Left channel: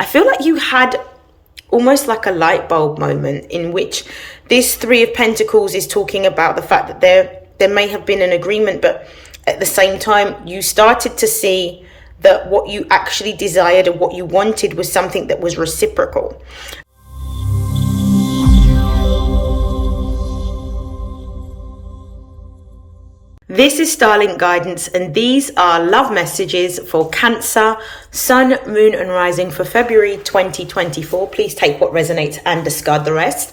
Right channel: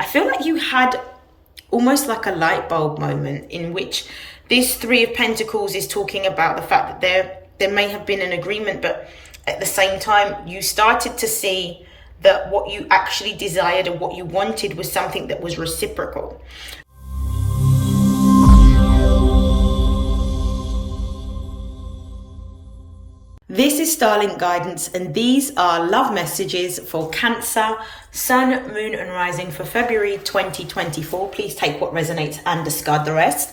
I feel like you had almost like a light bulb moment in which this Three of Pentacles is talking about the fact that there may have been an agreement, but at the same time, you started to see that what you actually desired and what you wanted was something that was reciprocal. This is StarLink guidance, and these are love messages for Cancer, Sun, Moon and Rising for February 2024. Please take what resonates and discard the rest.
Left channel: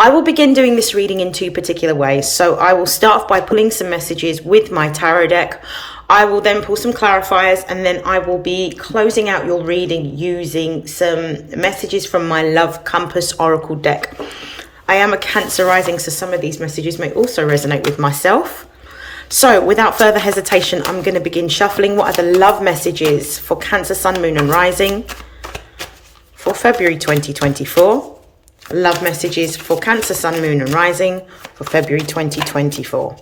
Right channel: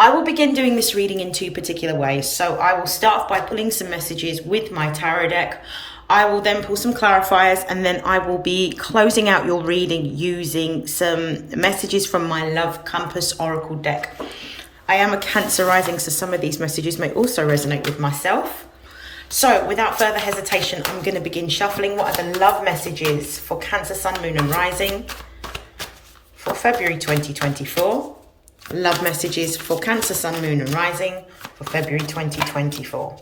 I will begin doing this reading in two particular ways. So I will start off by pulling some messages with my tarot deck. I will then pull some clarifiers, and then I will be closing out your reading using some messages from my Love Compass Oracle deck. I am a Cancer rising, so some of these messages may also resonate with myself. So without further hesitation, I'm going to begin shuffling. What are the love messages for Cancer, Sun, Moon and Rising for February 2024? Love messages for Cancer, Sun, Moon and Rising for February 2024.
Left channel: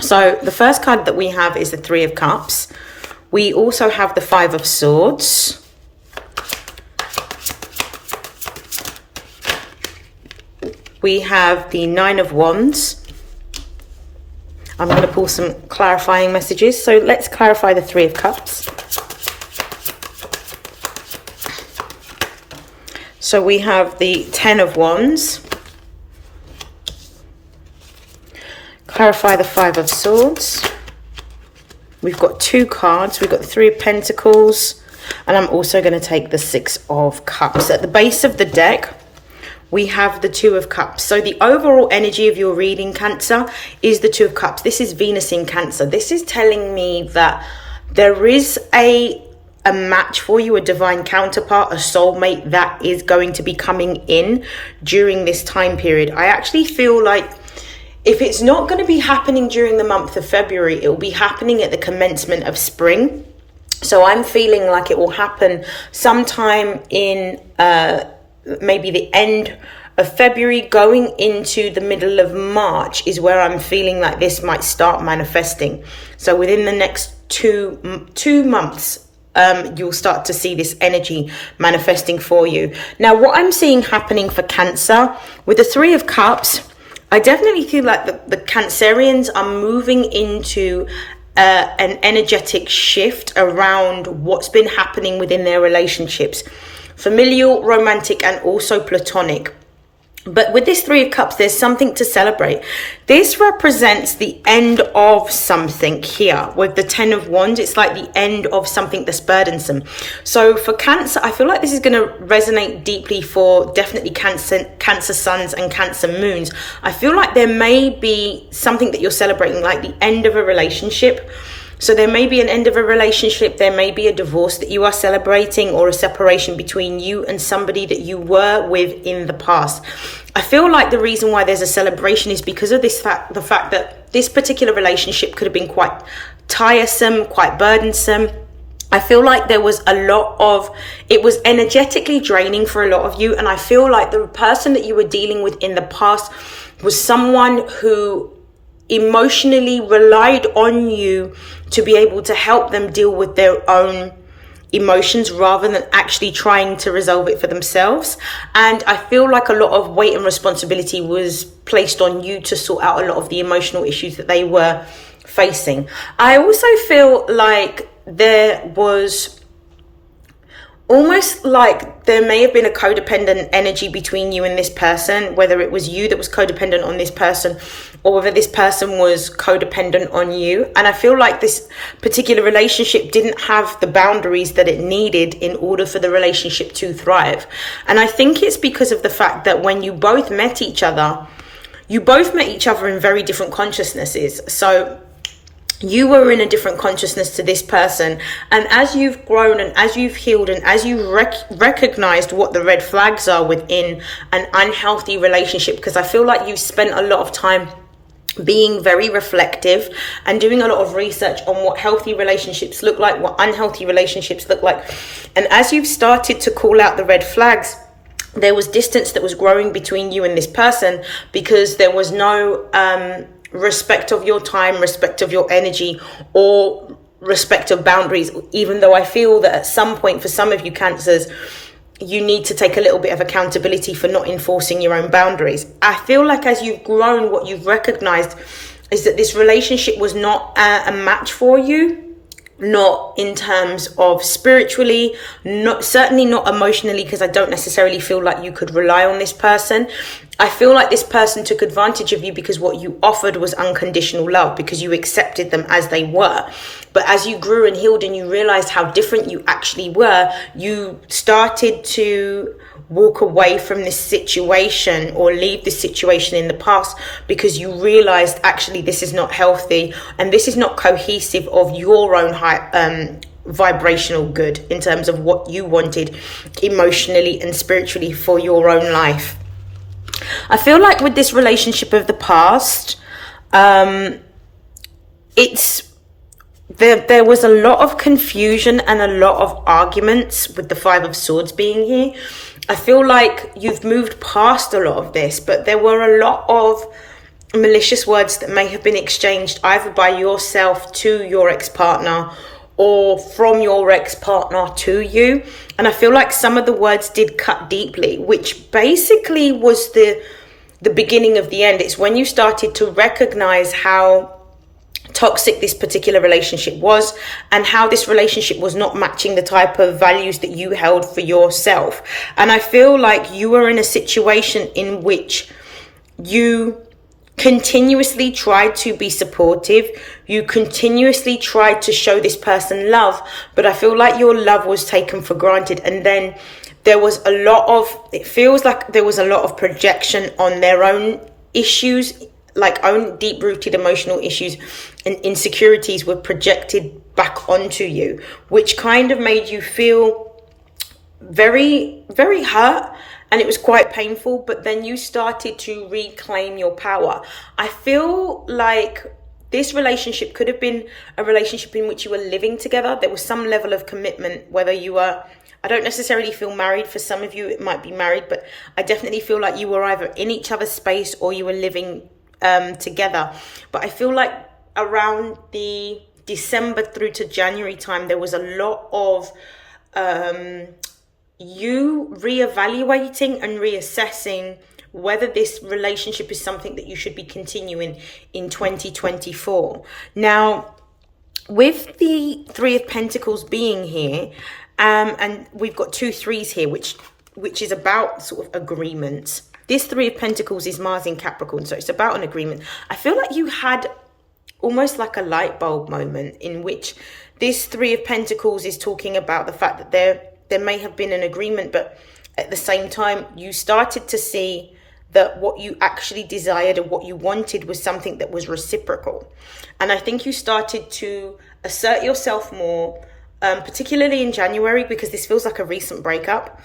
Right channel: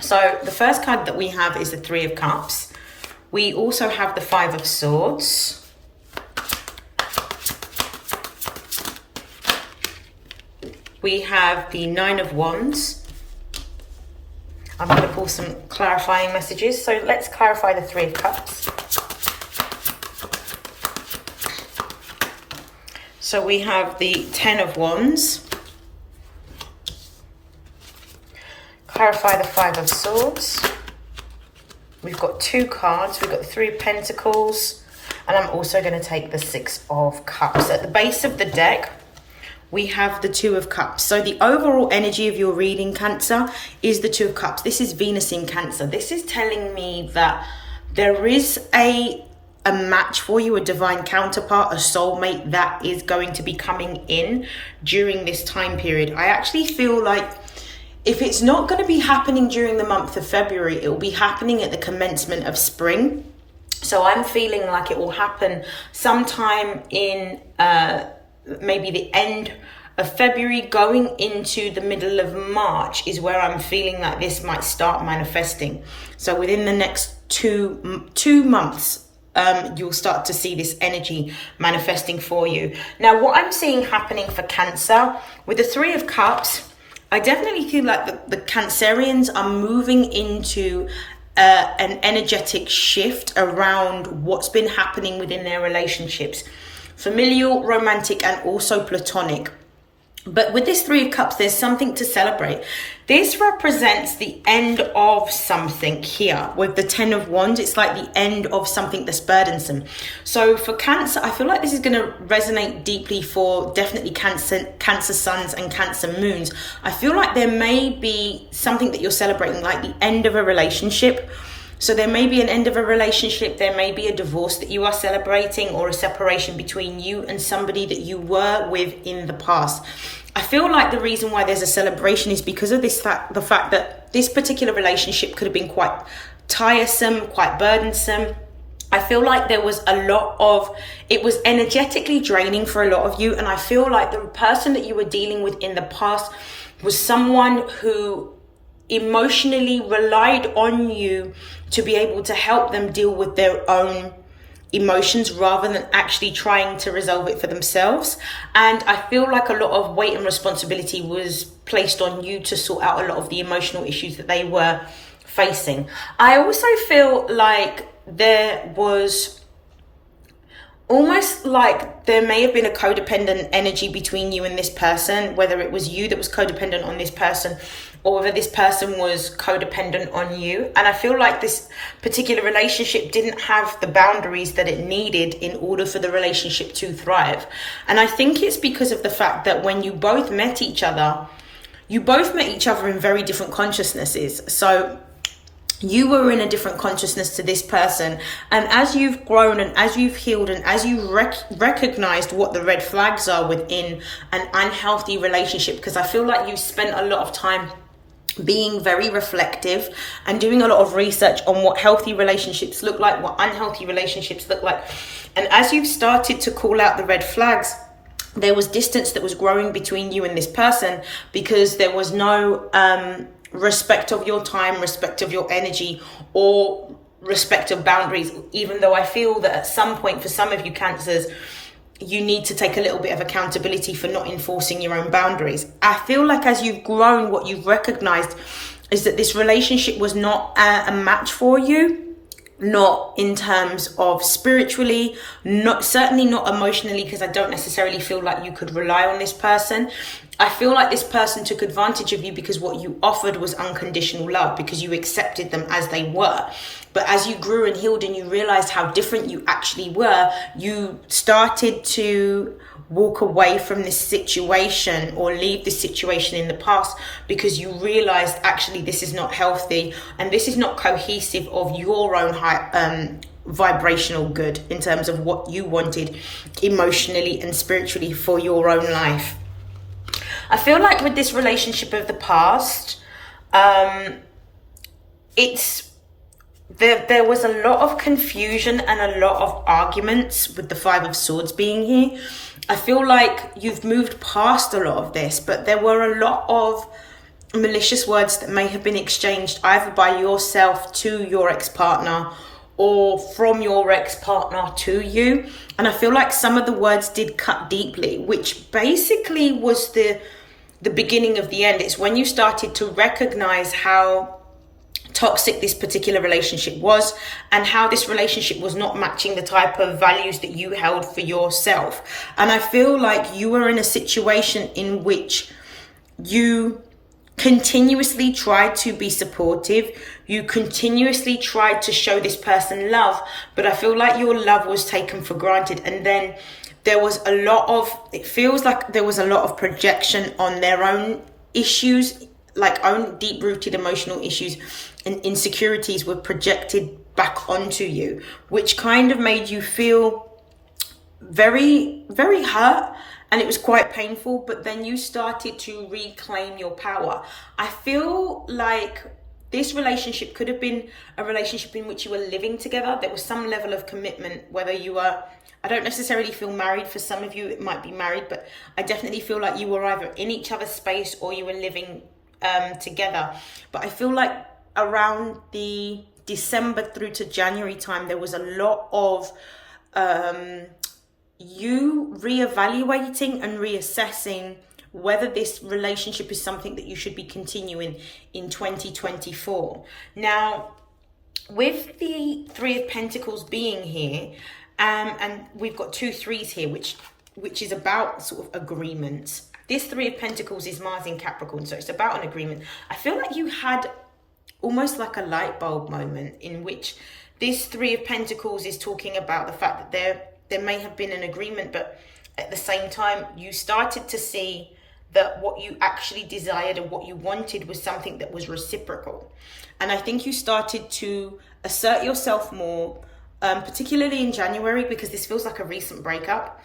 So the first card that we have is the Three of Cups. We also have the Five of Swords. We have the Nine of Wands. I'm going to pull some clarifying messages. So let's clarify the Three of Cups. So we have the Ten of Wands. Clarify the Five of Swords. We've got two cards. We've got the Three of Pentacles. And I'm also going to take the Six of Cups. At the base of the deck, we have the Two of Cups. So the overall energy of your reading, Cancer, is the Two of Cups. This is Venus in Cancer. This is telling me that there is a match for you, a divine counterpart, a soulmate that is going to be coming in during this time period. I actually feel like if it's not going to be happening during the month of February, it will be happening at the commencement of spring. So I'm feeling like it will happen sometime in maybe the end of February going into the middle of March is where I'm feeling like this might start manifesting. So within the next two months, you'll start to see this energy manifesting for you. Now, what I'm seeing happening for Cancer with the Three of Cups, I definitely feel like the Cancerians are moving into an energetic shift around what's been happening within their relationships. Familial, romantic, and also platonic. But with this Three of Cups, there's something to celebrate. This represents the end of something here. With the Ten of Wands, it's like the end of something that's burdensome. So for Cancer, I feel like this is going to resonate deeply for definitely Cancer Suns and Cancer Moons. I feel like there may be something that you're celebrating, like the end of a relationship. So there may be an end of a relationship, there may be a divorce that you are celebrating, or a separation between you and somebody that you were with in the past. I feel like the reason why there's a celebration is because of the fact that this particular relationship could have been quite tiresome, quite burdensome. I feel like there was it was energetically draining for a lot of you. And I feel like the person that you were dealing with in the past was someone who emotionally relied on you to be able to help them deal with their own emotions rather than actually trying to resolve it for themselves. And I feel like a lot of weight and responsibility was placed on you to sort out a lot of the emotional issues that they were facing. I also feel like there was almost like there may have been a codependent energy between you and this person, whether it was you that was codependent on this person or whether this person was codependent on you. And I feel like this particular relationship didn't have the boundaries that it needed in order for the relationship to thrive. And I think it's because of the fact that when you both met each other in very different consciousnesses. So you were in a different consciousness to this person. And as you've grown and as you've healed and as you recognized what the red flags are within an unhealthy relationship, because I feel like you've spent a lot of time being very reflective and doing a lot of research on what healthy relationships look like, what unhealthy relationships look like. And as you've started to call out the red flags, there was distance that was growing between you and this person because there was no respect of your time, respect of your energy, or respect of boundaries. Even though I feel that at some point, for some of you Cancers, you need to take a little bit of accountability for not enforcing your own boundaries. I feel like as you've grown, what you've recognized is that this relationship was not a match for you, not in terms of spiritually, certainly not emotionally, because I don't necessarily feel like you could rely on this person. I feel like this person took advantage of you because what you offered was unconditional love, because you accepted them as they were. But as you grew and healed and you realized how different you actually were, you started to walk away from this situation or leave this situation in the past, because you realized actually this is not healthy and this is not cohesive of your own high vibrational good in terms of what you wanted emotionally and spiritually for your own life. I feel like with this relationship of the past, there was a lot of confusion and a lot of arguments with the Five of Swords being here. I feel like you've moved past a lot of this, but there were a lot of malicious words that may have been exchanged either by yourself to your ex-partner or from your ex-partner to you. And I feel like some of the words did cut deeply, which basically was the beginning of the end. It's when you started to recognize how toxic this particular relationship was and how this relationship was not matching the type of values that you held for yourself. And I feel like you were in a situation in which you continuously tried to be supportive, you continuously tried to show this person love, but I feel like your love was taken for granted. And then there was it feels like there was a lot of projection on their own issues, like own deep-rooted emotional issues and insecurities were projected back onto you, which kind of made you feel very, very hurt. And it was quite painful, but then you started to reclaim your power. I feel like this relationship could have been a relationship in which you were living together. There was some level of commitment, whether you were, I don't necessarily feel married. For some of you, it might be married, but I definitely feel like you were either in each other's space or you were living together. But I feel like around the December through to January time, there was a lot of you reevaluating and reassessing whether this relationship is something that you should be continuing in 2024. Now, with the Three of Pentacles being here, and we've got 2 3s here, which is about sort of agreements. This Three of Pentacles is Mars in Capricorn, so it's about an agreement. I feel like you had almost like a light bulb moment in which this Three of Pentacles is talking about the fact that there may have been an agreement, but at the same time, you started to see that what you actually desired and what you wanted was something that was reciprocal. And I think you started to assert yourself more, particularly in January, because this feels like a recent breakup.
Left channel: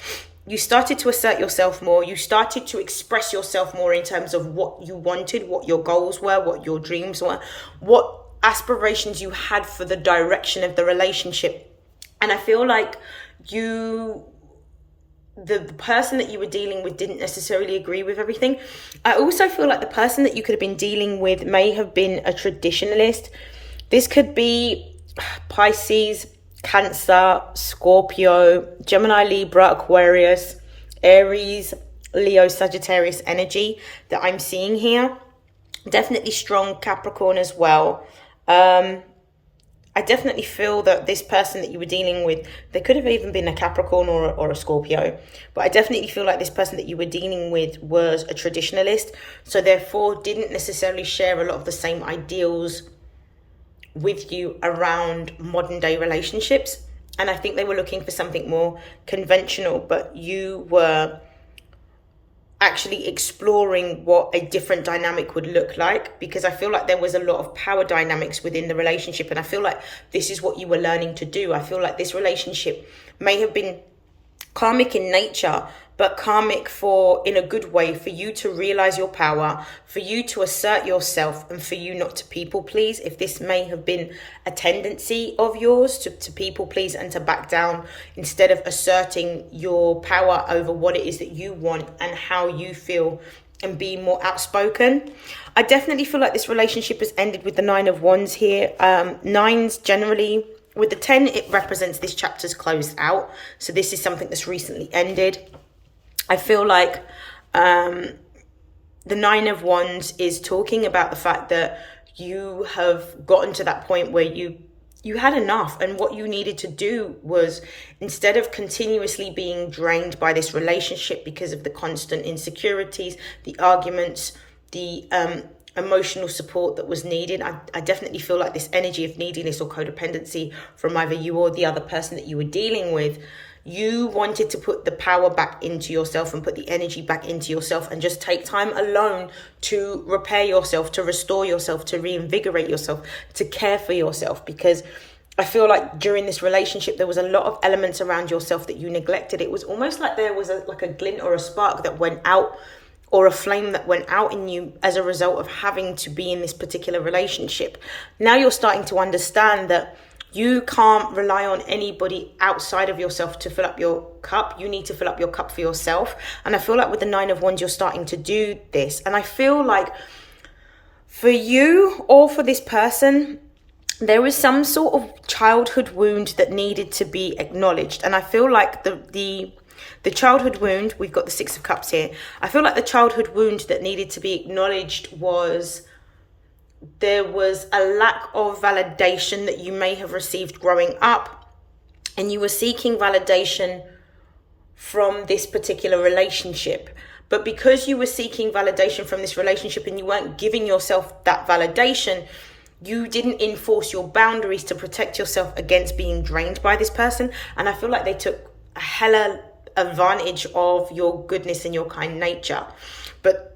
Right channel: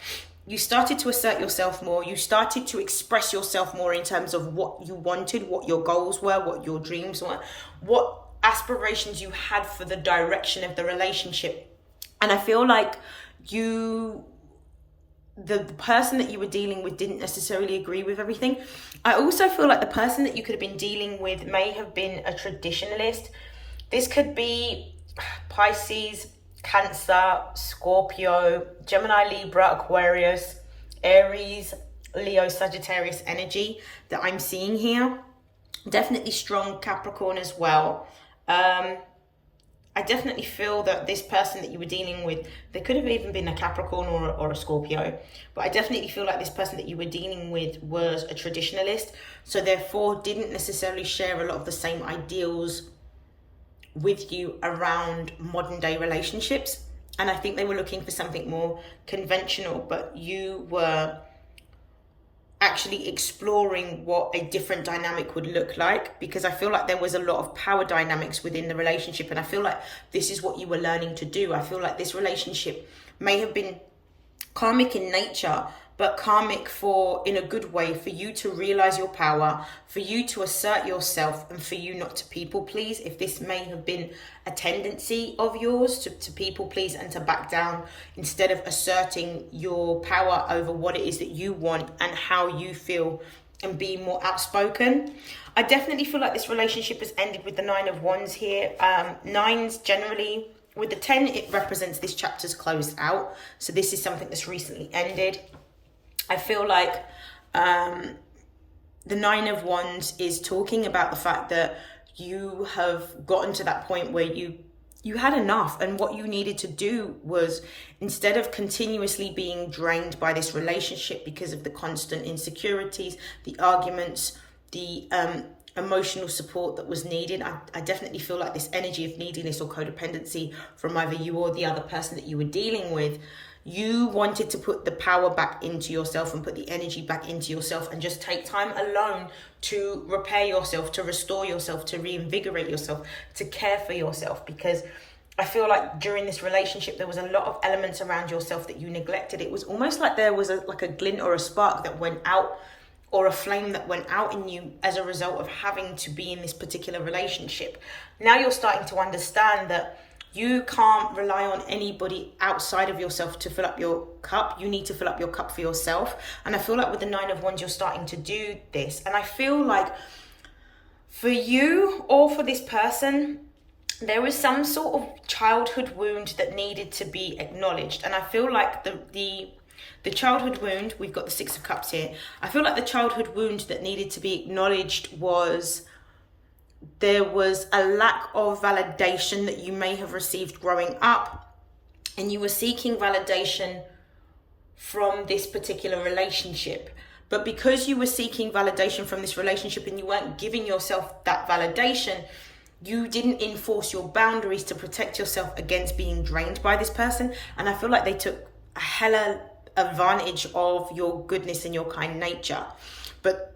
You started to assert yourself more. You started to express yourself more in terms of what you wanted, what your goals were, what your dreams were, what aspirations you had for the direction of the relationship. And I feel like the person that you were dealing with didn't necessarily agree with everything. I also feel like the person that you could have been dealing with may have been a traditionalist. This could be Pisces, Cancer, Scorpio, Gemini, Libra, Aquarius, Aries, Leo, Sagittarius energy that I'm seeing here. Definitely strong Capricorn as well. I definitely feel that this person that you were dealing with, they could have even been a Capricorn or a Scorpio, but I definitely feel like this person that you were dealing with was a traditionalist, so therefore didn't necessarily share a lot of the same ideals with you around modern day relationships. And I think they were looking for something more conventional, but you were actually exploring what a different dynamic would look like, because I feel like there was a lot of power dynamics within the relationship, and I feel like this is what you were learning to do. I feel like this relationship may have been karmic in nature, but karmic in a good way, for you to realize your power, for you to assert yourself, and for you not to people please. If this may have been a tendency of yours to people please and to back down instead of asserting your power over what it is that you want and how you feel and being more outspoken. I definitely feel like this relationship has ended with the 9 of Wands here. Nines generally, with the 10, it represents this chapter's closed out. So this is something that's recently ended. I feel like the 9 of Wands is talking about the fact that you have gotten to that point where you had enough, and what you needed to do was, instead of continuously being drained by this relationship because of the constant insecurities, the arguments, the emotional support that was needed. I definitely feel like this energy of neediness or codependency from either you or the other person that you were dealing with, you wanted to put the power back into yourself and put the energy back into yourself and just take time alone to repair yourself, to restore yourself, to reinvigorate yourself, to care for yourself. Because I feel like during this relationship, there was a lot of elements around yourself that you neglected. It was almost like there was like a glint or a spark that went out, or a flame that went out in you as a result of having to be in this particular relationship. Now you're starting to understand that you can't rely on anybody outside of yourself to fill up your cup. You need to fill up your cup for yourself. And I feel like with the 9 of Wands, you're starting to do this. And I feel like for you or for this person, there is some sort of childhood wound that needed to be acknowledged. And I feel like the childhood wound, we've got the 6 of Cups here. I feel like the childhood wound that needed to be acknowledged was there was a lack of validation that you may have received growing up, and you were seeking validation from this particular relationship. But because you were seeking validation from this relationship and you weren't giving yourself that validation, you didn't enforce your boundaries to protect yourself against being drained by this person. And I feel like they took a hella advantage of your goodness and your kind nature. But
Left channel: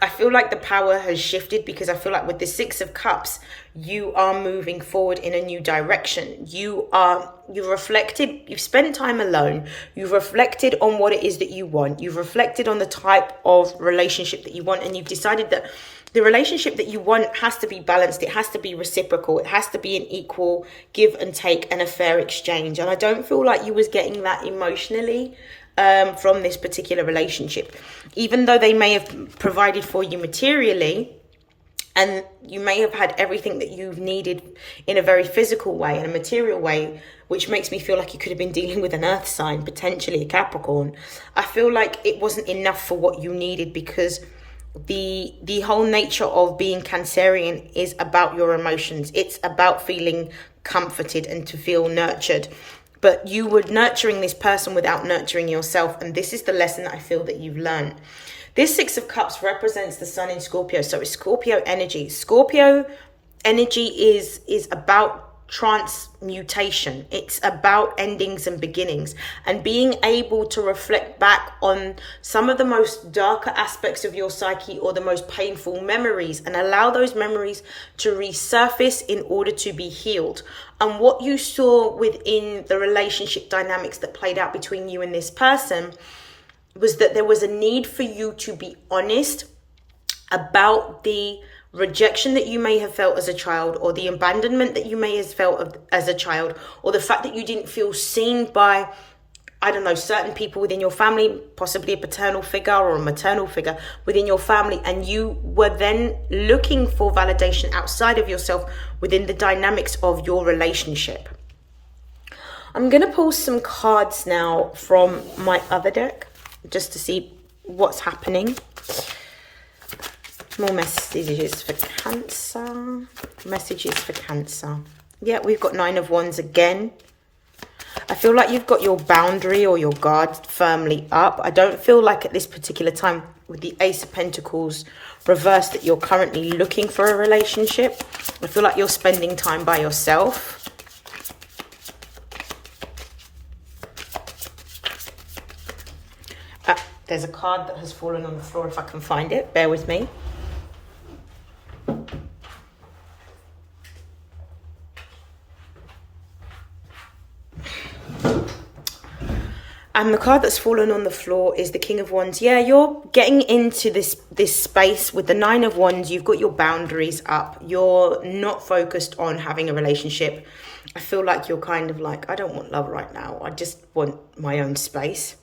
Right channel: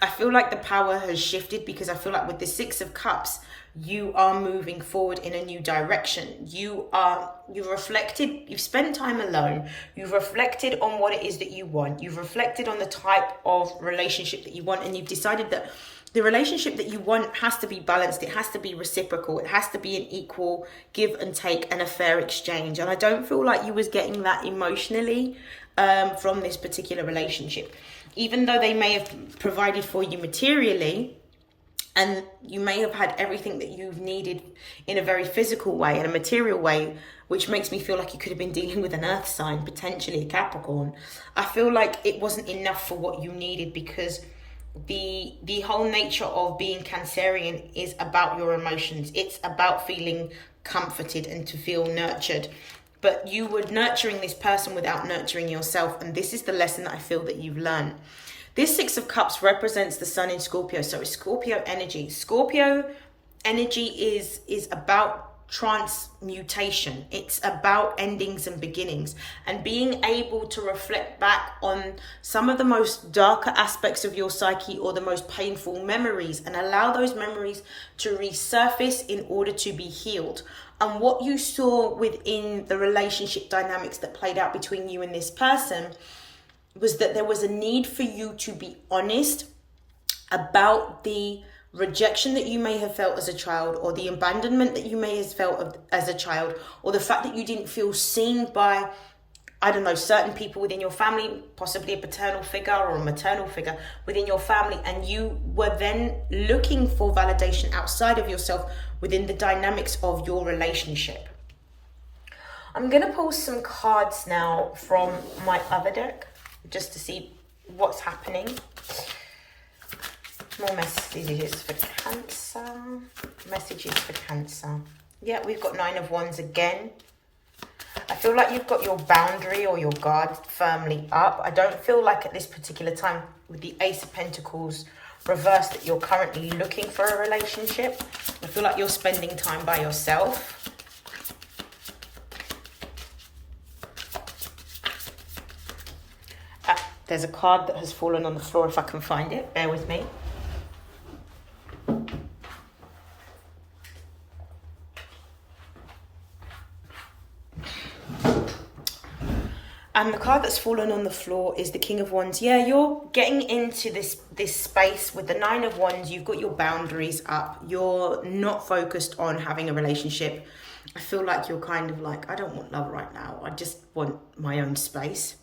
I feel like the power has shifted, because I feel like with the 6 of Cups, you are moving forward in a new direction. You've reflected, you've spent time alone, you've reflected on what it is that you want, you've reflected on the type of relationship that you want, and you've decided that the relationship that you want has to be balanced, it has to be reciprocal, it has to be an equal give and take and a fair exchange. And I don't feel like you was getting that emotionally from this particular relationship. Even though they may have provided for you materially, and you may have had everything that you've needed in a very physical way, in a material way, which makes me feel like you could have been dealing with an earth sign, potentially a Capricorn. I feel like it wasn't enough for what you needed, because the whole nature of being Cancerian is about your emotions. It's about feeling comforted and to feel nurtured. But you were nurturing this person without nurturing yourself. And this is the lesson that I feel that you've learned. This 6 of Cups represents the sun in Scorpio. So it's Scorpio energy. Scorpio energy is about transmutation. It's about endings and beginnings, and being able to reflect back on some of the most darker aspects of your psyche or the most painful memories, and allow those memories to resurface in order to be healed. And what you saw within the relationship dynamics that played out between you and this person was that there was a need for you to be honest about the rejection that you may have felt as a child, or the abandonment that you may have felt as a child, or the fact that you didn't feel seen by, I don't know, certain people within your family, possibly a paternal figure or a maternal figure within your family. And you were then looking for validation outside of yourself within the dynamics of your relationship. I'm going to pull some cards now from my other deck just to see what's happening. More messages for Cancer. Messages for Cancer. Yeah, we've got 9 of Wands again. I feel like you've got your boundary or your guard firmly up. I don't feel like at this particular time with the Ace of Pentacles reversed that you're currently looking for a relationship. I feel like you're spending time by yourself. There's a card that has fallen on the floor, if I can find it. Bear with me. And the card that's fallen on the floor is the King of Wands. Yeah, you're getting into this space with the 9 of Wands. You've got your boundaries up. You're not focused on having a relationship. I feel like you're kind of like, I don't want love right now. I just want my own space.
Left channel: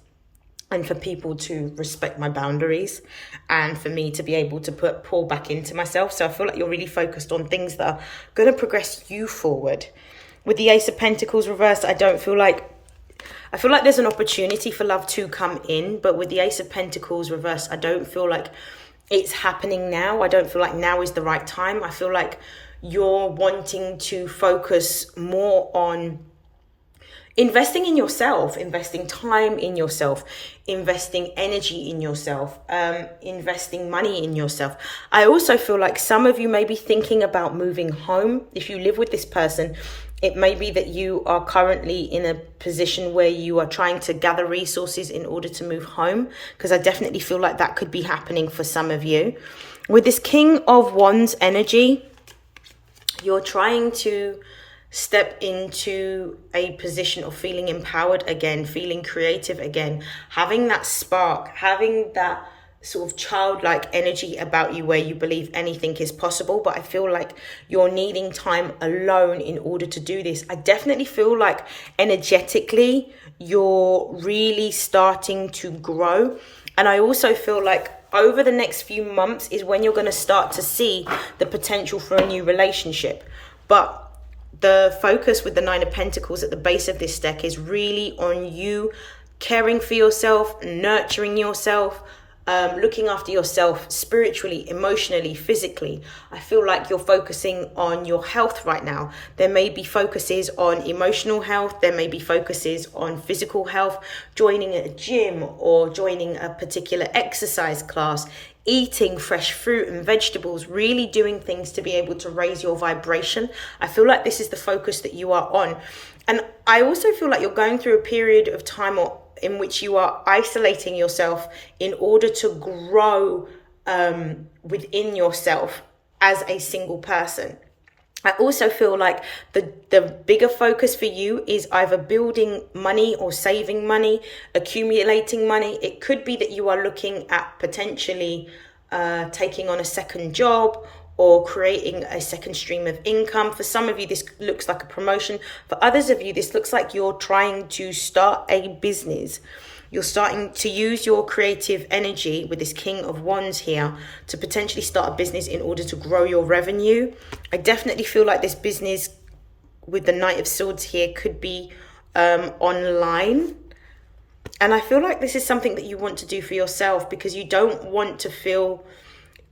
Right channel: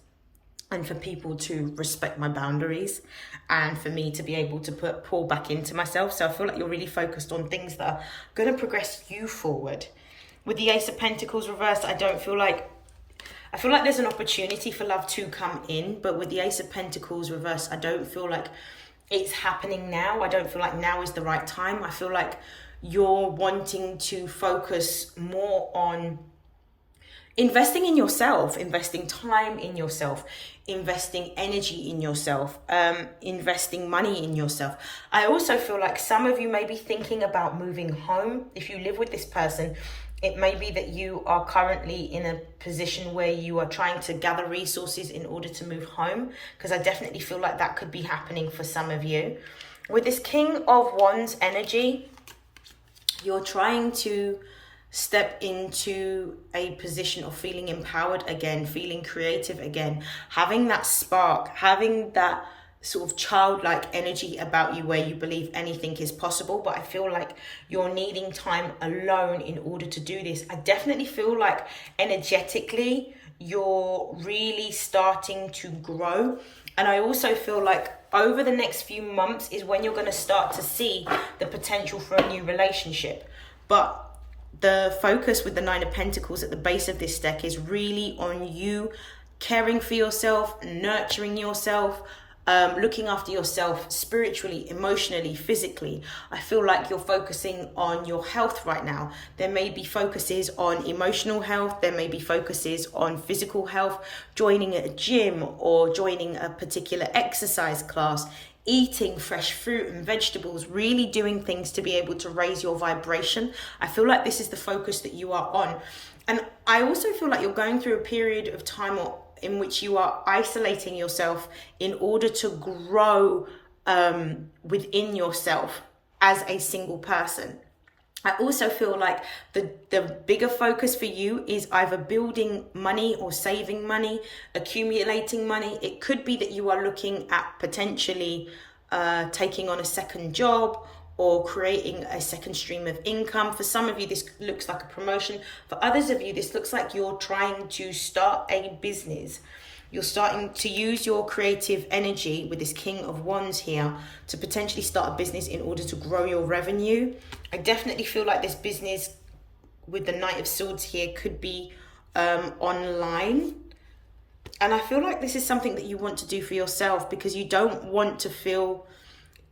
and for people to respect my boundaries, and for me to be able to pour back into myself. So I feel like you're really focused on things that are going to progress you forward. With the Ace of Pentacles reversed, I feel like there's an opportunity for love to come in, but with the Ace of Pentacles reversed, I don't feel like it's happening now. I don't feel like now is the right time. I feel like you're wanting to focus more on investing in yourself, investing time in yourself, investing energy in yourself, investing money in yourself. I also feel like some of you may be thinking about moving home. If you live with this person, it may be that you are currently in a position where you are trying to gather resources in order to move home, because I definitely feel like that could be happening for some of you. With this King of Wands energy, you're trying to step into a position of feeling empowered again, feeling creative again, having that spark, having that sort of childlike energy about you where you believe anything is possible. But I feel like you're needing time alone in order to do this. I definitely feel like energetically you're really starting to grow. And I also feel like over the next few months is when you're going to start to see the potential for a new relationship. But the focus with the Nine of Pentacles at the base of this deck is really on you caring for yourself, nurturing yourself, looking after yourself spiritually, emotionally, physically. I feel like you're focusing on your health right now. There may be focuses on emotional health. There may be focuses on physical health, joining a gym or joining a particular exercise class, eating fresh fruit and vegetables, really doing things to be able to raise your vibration. I feel like this is the focus that you are on. And I also feel like you're going through a period of time in which you are isolating yourself in order to grow within yourself as a single person. I also feel like the bigger focus for you is either building money or saving money, accumulating money. It could be that you are looking at potentially taking on a second job or creating a second stream of income. For some of you, this looks like a promotion. For others of you, this looks like you're trying to start a business. You're starting to use your creative energy with this King of Wands here to potentially start a business in order to grow your revenue. I definitely feel like this business with the Knight of Swords here could be online. And I feel like this is something that you want to do for yourself because you don't want to feel...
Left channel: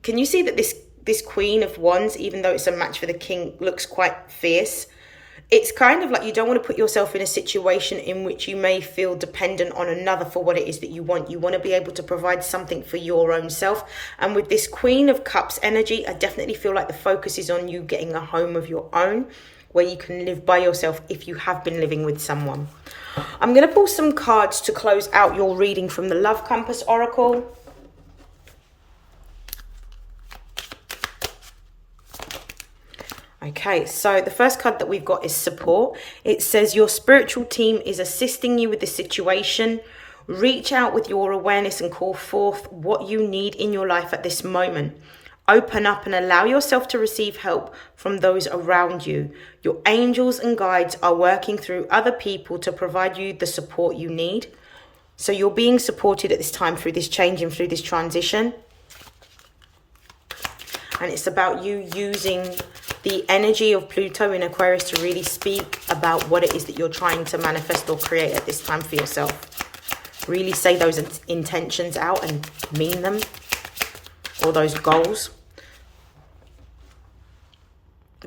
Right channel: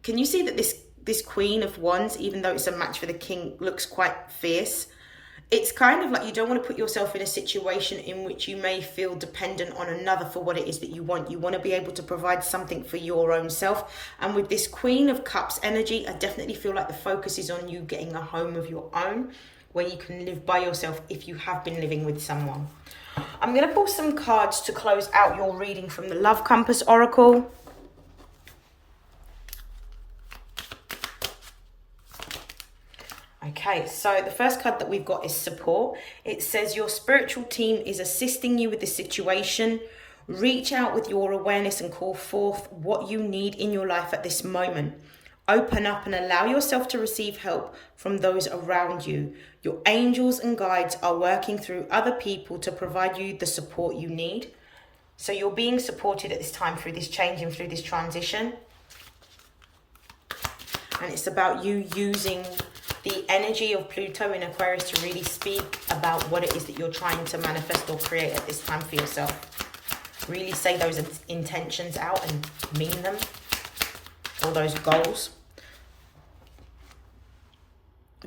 Can you see that this Queen of Wands, even though it's a match for the King, looks quite fierce? It's kind of like you don't want to put yourself in a situation in which you may feel dependent on another for what it is that you want. You want to be able to provide something for your own self. And with this Queen of Cups energy, I definitely feel like the focus is on you getting a home of your own where you can live by yourself if you have been living with someone. I'm going to pull some cards to close out your reading from the Love Compass Oracle. Okay, so the first card that we've got is support. It says your spiritual team is assisting you with the situation. Reach out with your awareness and call forth what you need in your life at this moment. Open up and allow yourself to receive help from those around you. Your angels and guides are working through other people to provide you the support you need. So you're being supported at this time through this change and through this transition. And it's about you using the energy of Pluto in Aquarius to really speak about what it is that you're trying to manifest or create at this time for yourself. Really say those intentions out and mean them, or those goals.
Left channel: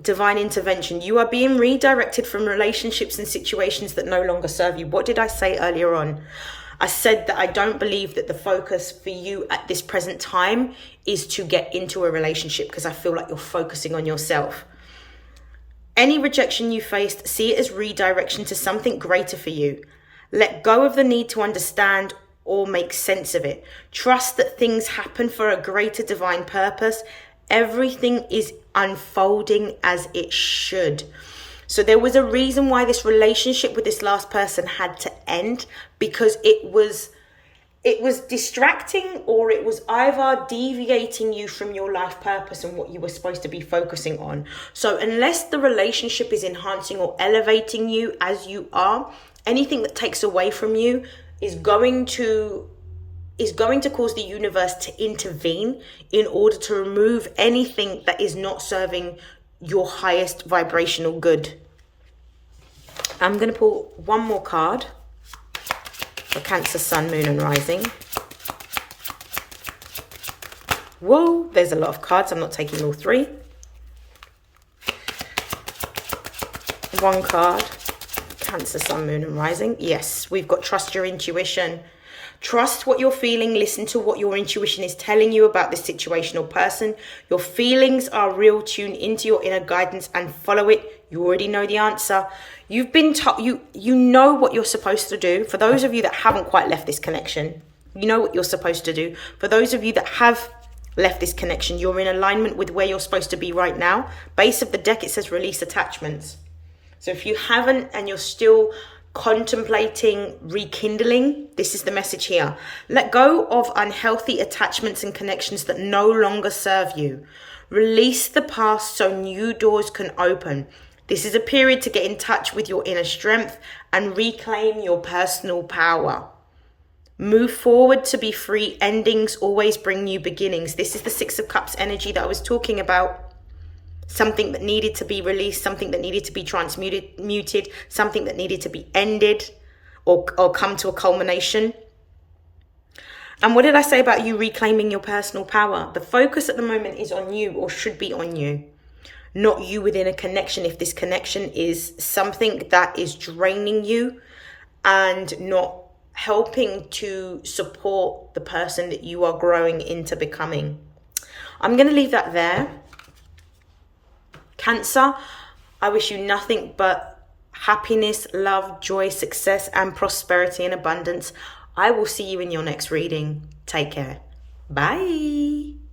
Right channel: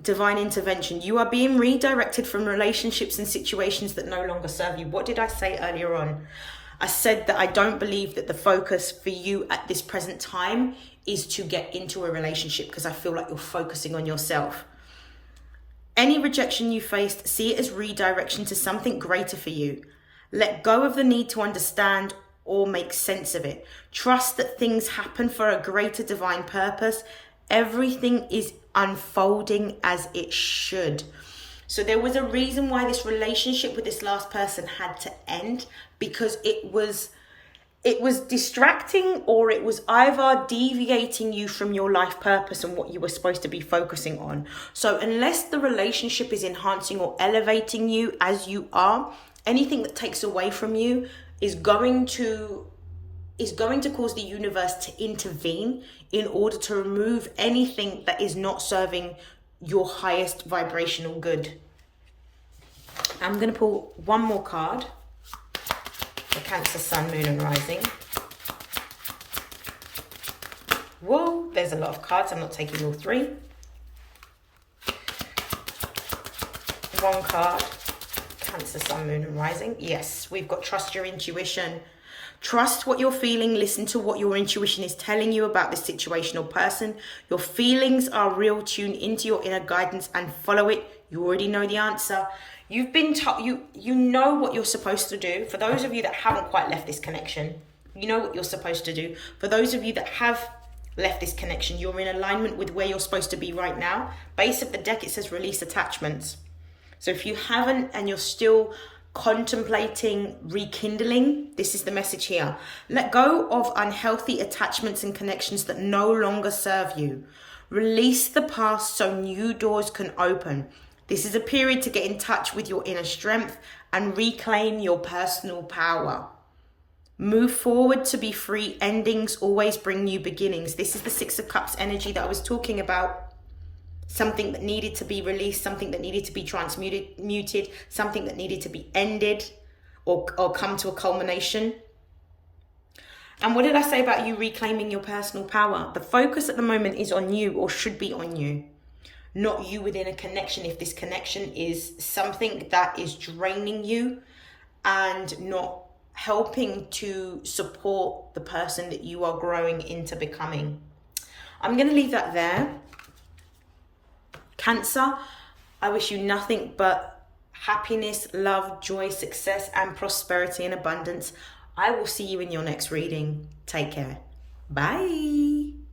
Divine intervention. You are being redirected from relationships and situations that no longer serve you. What did I say earlier on? I said that I don't believe that the focus for you at this present time is to get into a relationship, because I feel like you're focusing on yourself. Any rejection you faced, see it as redirection to something greater for you. Let go of the need to understand or make sense of it. Trust that things happen for a greater divine purpose. Everything is unfolding as it should. So there was a reason why this relationship with this last person had to end, because it was distracting, or it was either deviating you from your life purpose and what you were supposed to be focusing on. So unless the relationship is enhancing or elevating you as you are, anything that takes away from you is going to is going to cause the universe to intervene in order to remove anything that is not serving your highest vibrational good. I'm going to pull one more card for Cancer, Sun, Moon and Rising. Whoa, there's a lot of cards. I'm not taking all three. One card, Cancer, Sun, Moon and Rising. Yes, we've got trust your intuition. Trust what you're feeling. Listen to what your intuition is telling you about this situation or person. Your feelings are real. Tune into your inner guidance and follow it. You already know the answer. You've been taught, you know what you're supposed to do. For those of you that haven't quite left this connection, you know what you're supposed to do. For those of you that have left this connection, you're in alignment with where you're supposed to be right now. Base of the deck, it says release attachments. So if you haven't and you're still contemplating rekindling, this is the message here. Let go of unhealthy attachments and connections that no longer serve you. Release the past so new doors can open. This is a period to get in touch with your inner strength and reclaim your personal power. Move forward to be free. Endings always bring new beginnings. This is the Six of Cups energy that I was talking about. Something that needed to be released, something that needed to be transmuted, something that needed to be ended or come to a culmination. And what did I say about you reclaiming your personal power? The focus at the moment is on you, or should be on you, not you within a connection. If this connection is something that is draining you and not helping to support the person that you are growing into becoming. I'm going to leave that there. Cancer, I wish you nothing but happiness, love, joy, success, and prosperity and abundance. I will see you in your next reading. Take care. Bye.